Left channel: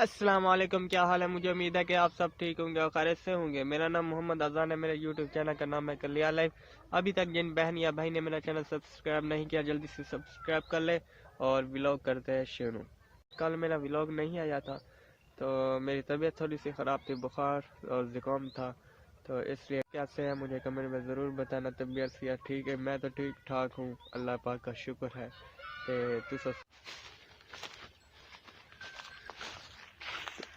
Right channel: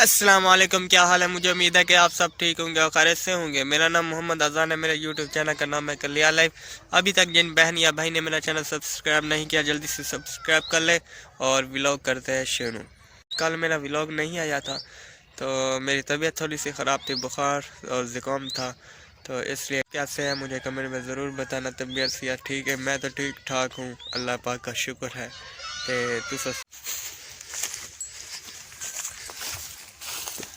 अस्सलाम वालेकुम। क्या हाल है? मुझे उम्मीद है कि आप सब ठीक होंगे और खैरियत से होंगे। मेरा नाम मोहम्मद अजान है। मेरे यूट्यूब चैनल का नाम है कलिया लाइफ। अभी तक जिन बहन या भाई ने मेरा चैनल सब्सक्राइब नहीं किया जल्दी से सब्सक्राइब कर ले और व्लॉग करते हैं शुरू। कल मेरा व्लॉग नहीं आया था तो मेरी तबीयत थोड़ी सी ख़राब थी, बुखार और ज़ुकाम था, तो इसलिए कैसे है मुझे कमेंट में ज़रूर बताना। तबीयत से ठीक है, मैं तो ठीक ठाक हूँ, अल्लाह पाक का शुक्र है कि तुस।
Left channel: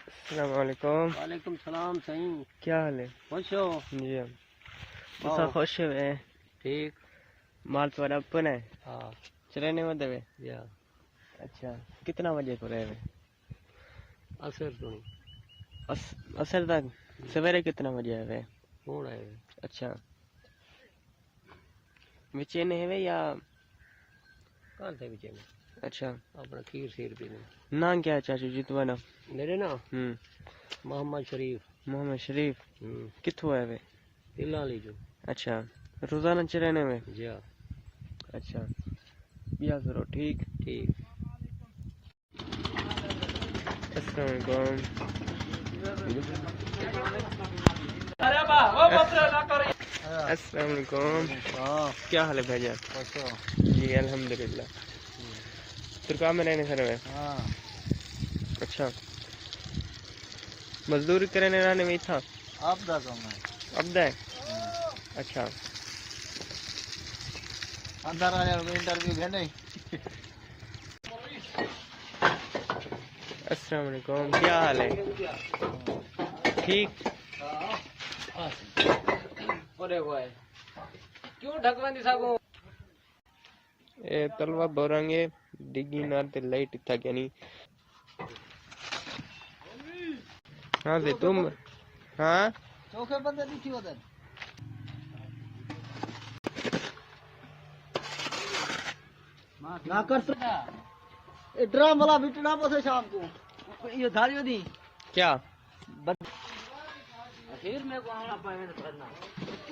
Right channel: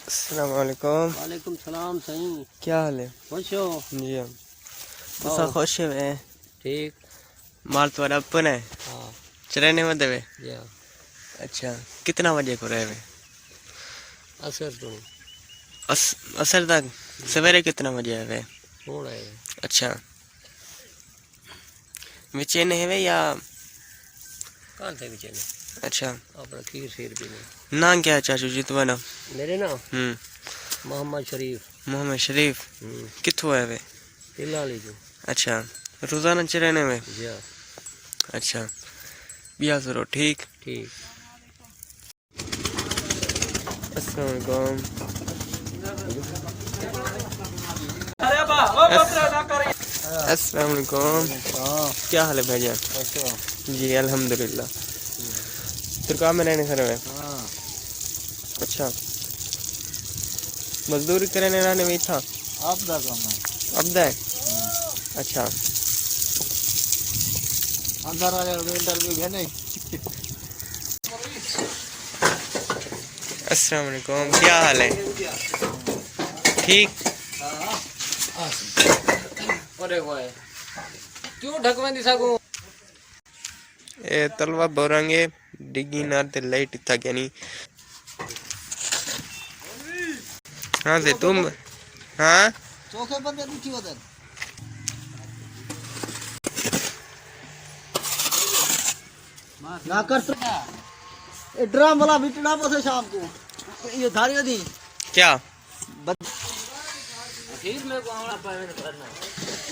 अस्सलाम वालेकुम। वालेकुम सलाम। सही क्या हाल है? खुश हो? जी हम तुसा हाँ खुश है। ठीक। माल तुम्हारा अपन है हाँ चरने में देवे। या अच्छा, कितना बजे को रहे? असर तो असर तक। सवेरे कितना बजे है वे? हो रहा है। अच्छा, विचे ने है या? कहाँ थे बेचारे? अच्छा, अपना खीर शेर भी नहीं। नाम क्या है चाचू जी तुम्हारा? मेरे ना मोहम्मद शरीफ। मोहम्मद शरीफ। कित्थों है वे? हिला लीजिए। अच्छा, रोजाना चरने में। या अच्छा, बिया जरूर ठीक। ठीक। अस्सलाम वालेकुम। अस्सलाम वालेकुम। हाँ क्या हाल है भैया? अच्छा। जी अल्हम्दुलिल्लाह। तुर्कान में रहने खड़े हुए? हाँ अच्छा, मजदूरी करने रहने में था। आप का काम है। अब दे। अच्छा, अंदर आ जाओ, इंटरव्यू है नहीं। अस्सलाम वालेकुम। क्या हाल है? ठीक। अरे भाई क्यों ढकवा दी सकूं? ए तलवा बोरांगे डिगी नार ते लाइट था क्या नहीं? हाँ से तुम। हाँ चौके पर मैं दूसरी उधर ना कर सकता। ये ड्राम वाला बिटना पसे शाम को ये धारी दी क्या? फिर मैं को हमारा पेमेंट करना है।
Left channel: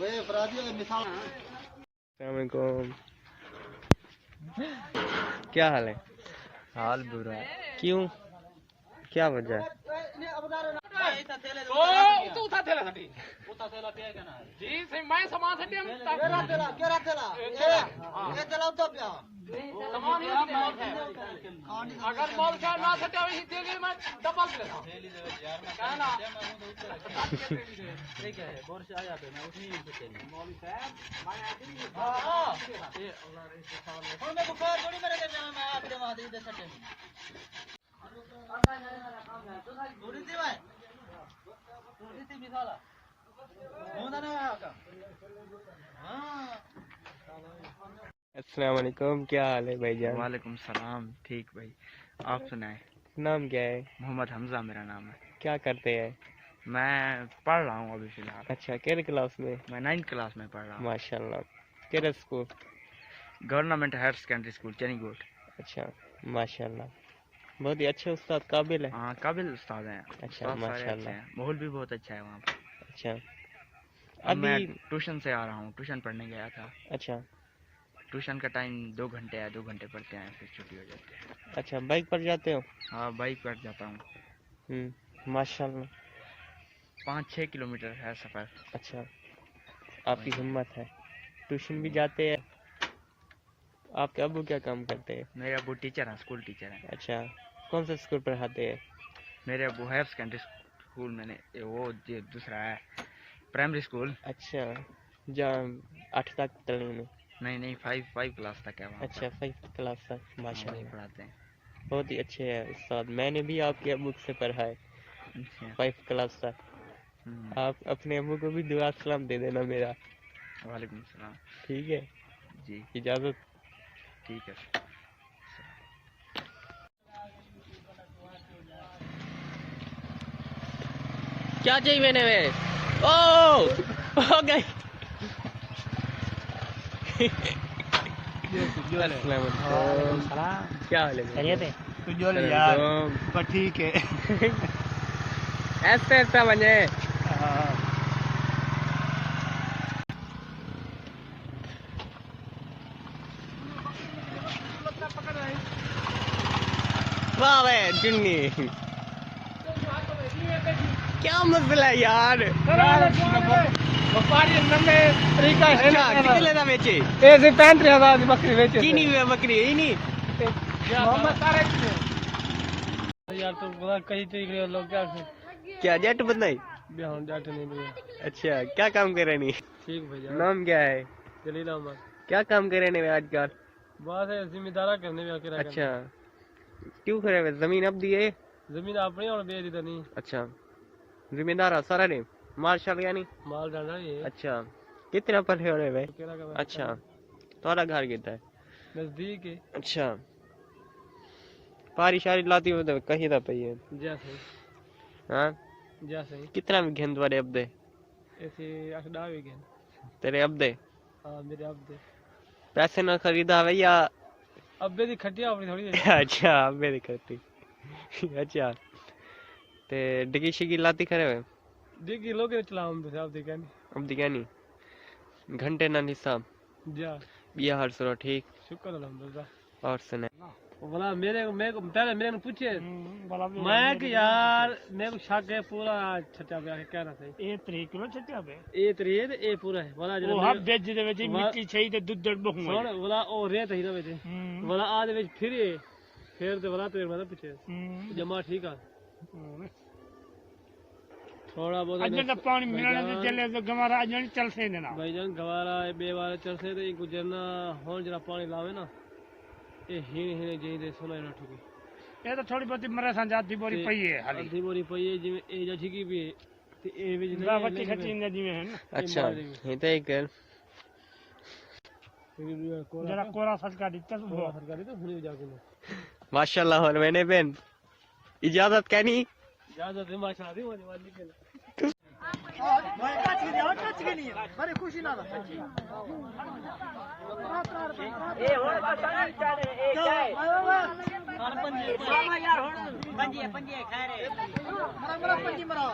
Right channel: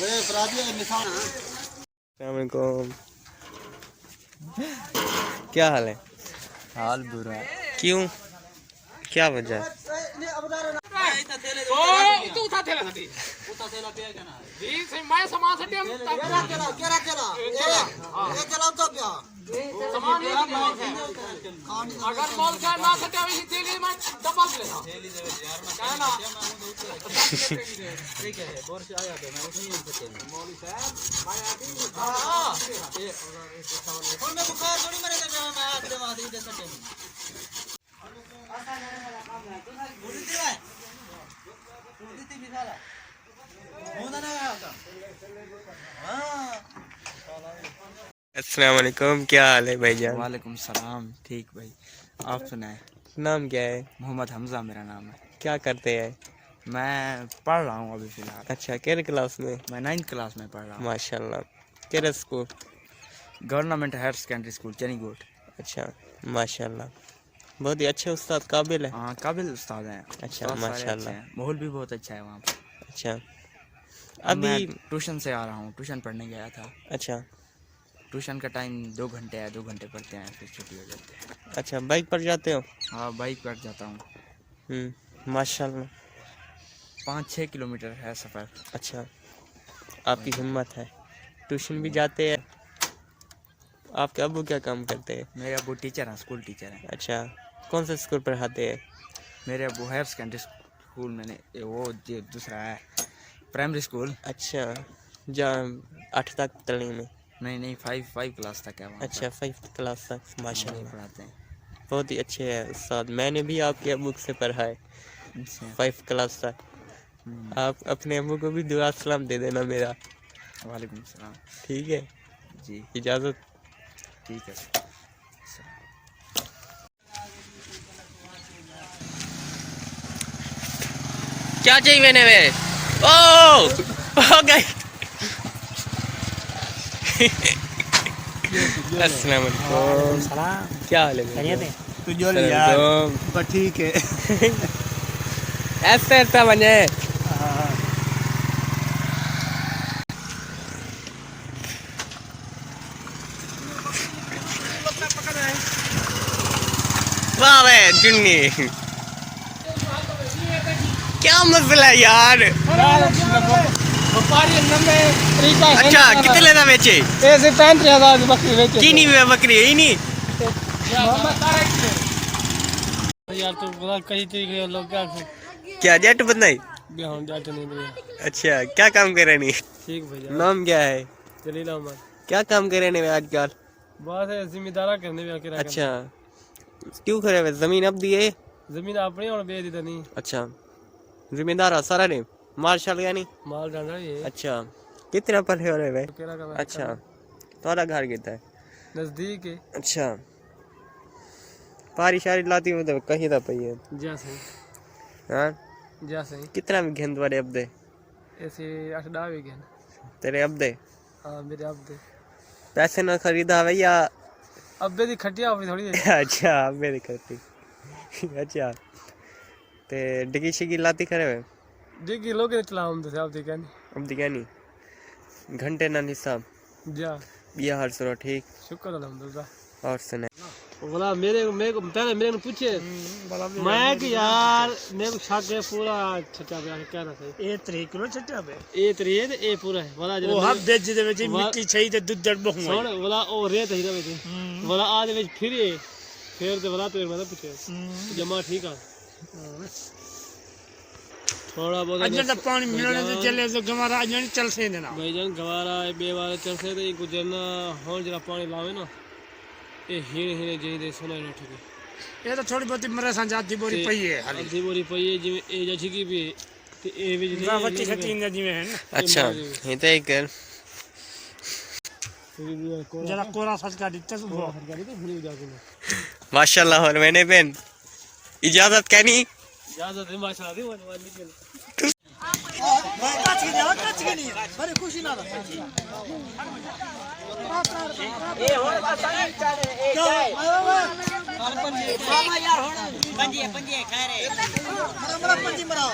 वे अपराधी का निशान है। अस्सलाम वालेकुम। क्या हाल है? हाल बुरा है। क्यों? क्या वजह है? तू उठा थैला साठी उठा थैला पे जाना है ठीक से मैं सामान साठी हम केरा ये चलाओ तो क्या सामान ये अगर मॉल का ना साठी ही थैली में डबल ले था थैली दे यार मैं कह ना ठीक है बोर से आया मैं उसे नहीं सकते मौलवी साहब मैं आती हां और मैं बुखार जोड़ी मेरे दे मैं आप जमा दे सकते अस्सलाम वालेकुम। क्या हाल है भाईजान? वालेकुम सलाम। ठीक भाई, आप सुनाए? नाम क्या है? मोहम्मद हमजा मेरा नाम है। क्या करते हैं? मैं पढ़ रहा हूँ अभी फ़िलहाल। अच्छा, केरे क्लास में? मैं 9th क्लास में पढ़ रहा हूँ। माशाल्लाह। केरे school? Government higher secondary school Chanigot. अच्छा, माशाल्लाह। बहुत ही अच्छे उस्ताद, काबिल है। हाँ काबिल उस्ताद हैं। अच्छा, उस्ताद सारे माशाल्लाह। अच्छे हैं, माहौल भी बहुत अच्छा है वहाँ पर। अच्छा, अब मैं अभी। ट्यूशन से आ रहा हूँ, ट्यूशन पढ़ने गया था। अच्छा ट्यूशन का टाइम 2 घंटे है, 2 घंटे पढ़ते हैं फिर छुट्टी हो जाती है। अच्छा, बाइक पर जाते हो? और बाइक पर जाता हूँ। माशाल्लाह। 5-6 किलोमीटर है सफ़र। अच्छा, आपकी हिम्मत है। ट्यूशन भी जाते हैं? आपके अब्बू क्या काम करते हैं? मेरे अबू टीचर हैं, स्कूल टीचर हैं। अच्छा, कौन से स्कूल पढ़ाते हैं? मेरे अबू हायर सेकेंडरी स्कूल मैंने वो जो दूसरा है प्राइमरी स्कूल। अच्छा, जहाँ 8 तक तलीम में? नहीं 5 क्लास तक है वहाँ। अच्छा, 5th क्लास तक। वहीं माशाल्लाह, पढ़ाते हैं। बहुत ही अच्छे हैं उस्ताद। मैंने भी आपके अब्बू से पढ़ा है अच्छा। 5th क्लास तक। हम्म, आप अपने अब्बू को भी दुआ सलाम दे देना मेरा। वालेकुम सलाम। ठीक है, जी इजाज़त। ठीक है। क्या चाहिए मैंने वे? ओ हो गई। अस्सलाम वालेकुम। क्या हाल है? तू जो अस्सलाम यार वालेकुम। पर ठीक है। ऐसे ऐसा बने। वाह वे जुन्नी। क्या मसला है यार? व्यापारी नम्मे ठीक है। अच्छा कितने लेना बेचे? ऐसे 35,000 की बकरी बेचे। की नहीं हुआ बकरी ही नहीं। यार तो बड़ा कई तरीके लोग क्या क्या जट बनाई? हम जाते नहीं दे। अच्छा क्या काम कर रहे नहीं? ठीक भैया। नाम क्या है? जलील अहमद। क्या काम कर रहे नहीं आजकल? बस है जिम्मेदारा करने में आके अच्छा क्यों करे हुए? जमीन अब दिए? जमीन अपनी और बेच दी नहीं। अच्छा जिम्मेदार सारा ने माल शाल गया नहीं? माल डांगा ये। अच्छा कितना पढ़े हो रहे भाई? केरा का अच्छा तुम्हारा घर कितना है? नजदीक है। अच्छा पारी शारी लाती हो तो कहीं था पई है। जा सही। हाँ जा सही। कितना में घेन तुम्हारे अब दे? ऐसे 8 भी गए। तेरे अब दे? हाँ मेरे अब दे। पैसे ना खरीदा भैया? अब दी खटिया अपनी थोड़ी है। अच्छा अब मेरी करती। अच्छा ते डिगी शिगी लाती करे हुए? डिग्गी लोग ने चला हम तो अब देखा नहीं। अब दिखा नहीं घंटे ना हिसाब जा बिया हर सुनो ठीक। शुक्र अल्हम्दुलिल्लाह। और सुने बोला मेरे को पहले मेरे ने पूछे मैं कि यार मेरे को छाके पूरा छटा पे आके कह रहा था ਇਹ ਤਰੀਕ ਨੂੰ ਛੱਟਿਆ ਬੇ ए तरीए ते ए पूरा है बोला ਉਹ ਹੱਬ ਵਿੱਚ ਦੇ ਵਿੱਚ ਮਿੱਟੀ ਛਈ ਤੇ ਦੁੱਧ ਦੜ ਬਹੁ सुन बोला ओ रेत ही रवे बोला आज विच फिर ते बोला तेरे मतलब पूछे जमा ठीक है थोड़ा बहुत ਅੱਜ ਦਾ ਪਾਣੀ ਮਿਲਣ ਤੇ ਚੱਲੇ ਤੇ ਗਵਾਰਾ ਅੱਜ ਨਹੀਂ ਚੱਲ ਸੇ ਨਾ भाईजान गवारा ए बेवारे चल से ते गुजरना हो जरा पानी लावे ना ए हीने हीने जेही दे सुना उठ के ਇਹ ਤਾਂ ਥੋੜੀ ਬਹੁਤੀ ਮਰੇ ਸਾਂ ਜਾਤੀ ਬੋਰੀ ਪਈ ਹੈ ਹਾਲੀ ਅੱਧੀ ਬੋਰੀ ਪਈ ਹੈ ਜਿਵੇਂ ਇਹ ਜਾਂ ਠਿਕੀ ਵੀ ਤੇ ਇਹ ਵਿੱਚ ਗਾ ਵੱਟੀ ਖੱਟੀ ਨਾ ਜਿਵੇਂ ਹੈ ਨਾ अच्छा ये तो एक ਜਰਾ ਕੋਰਾ ਸਦਕਾ ਦਿੱਤਾ ਤੂੰ ਹੋ माशाल्लाह और मैंने बहन इजाजत कहनी ज्यादा नहीं माशाल्लाह दी वाली वाली बड़ी खुशी ना मामा यार हुन पंजे खा रहे मरा पंजी मरा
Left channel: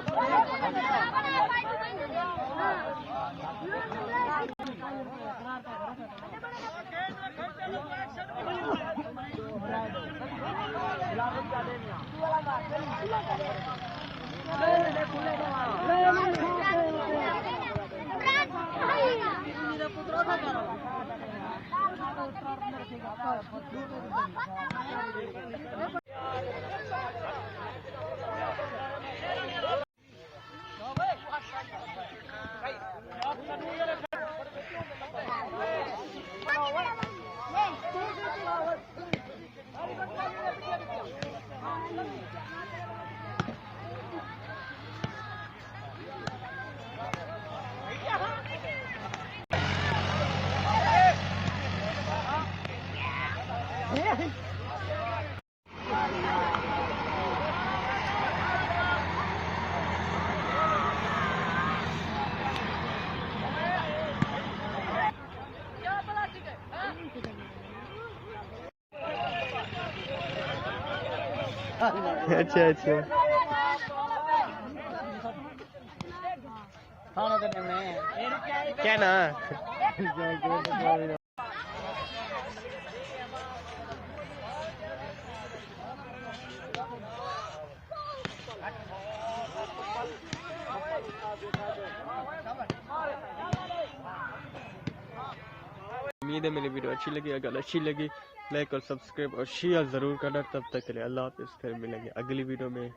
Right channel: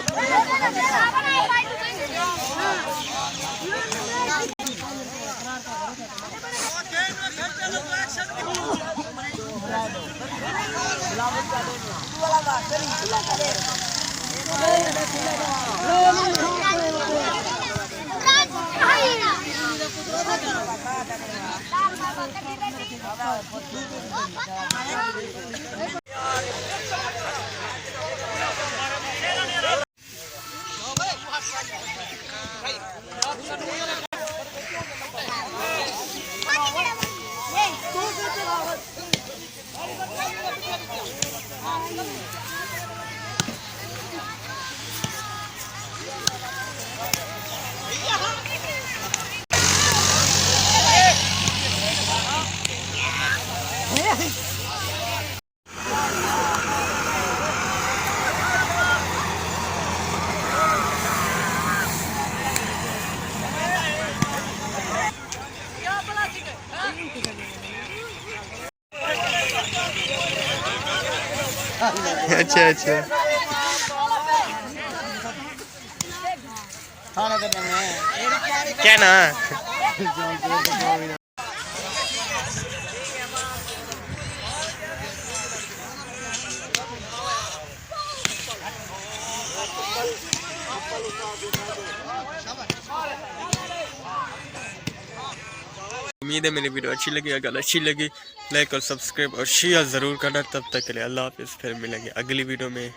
अच्छा अच्छा क्या ना उम्मीद है मेरी वीडियो अच्छी लगी। अगर अच्छी लगी लाइक और सब्सक्राइब और शेयर ज़रूर करना। तब तक के लिए अल्लाह हाफिज़। फिर मिलेंगे अगली वीडियो में।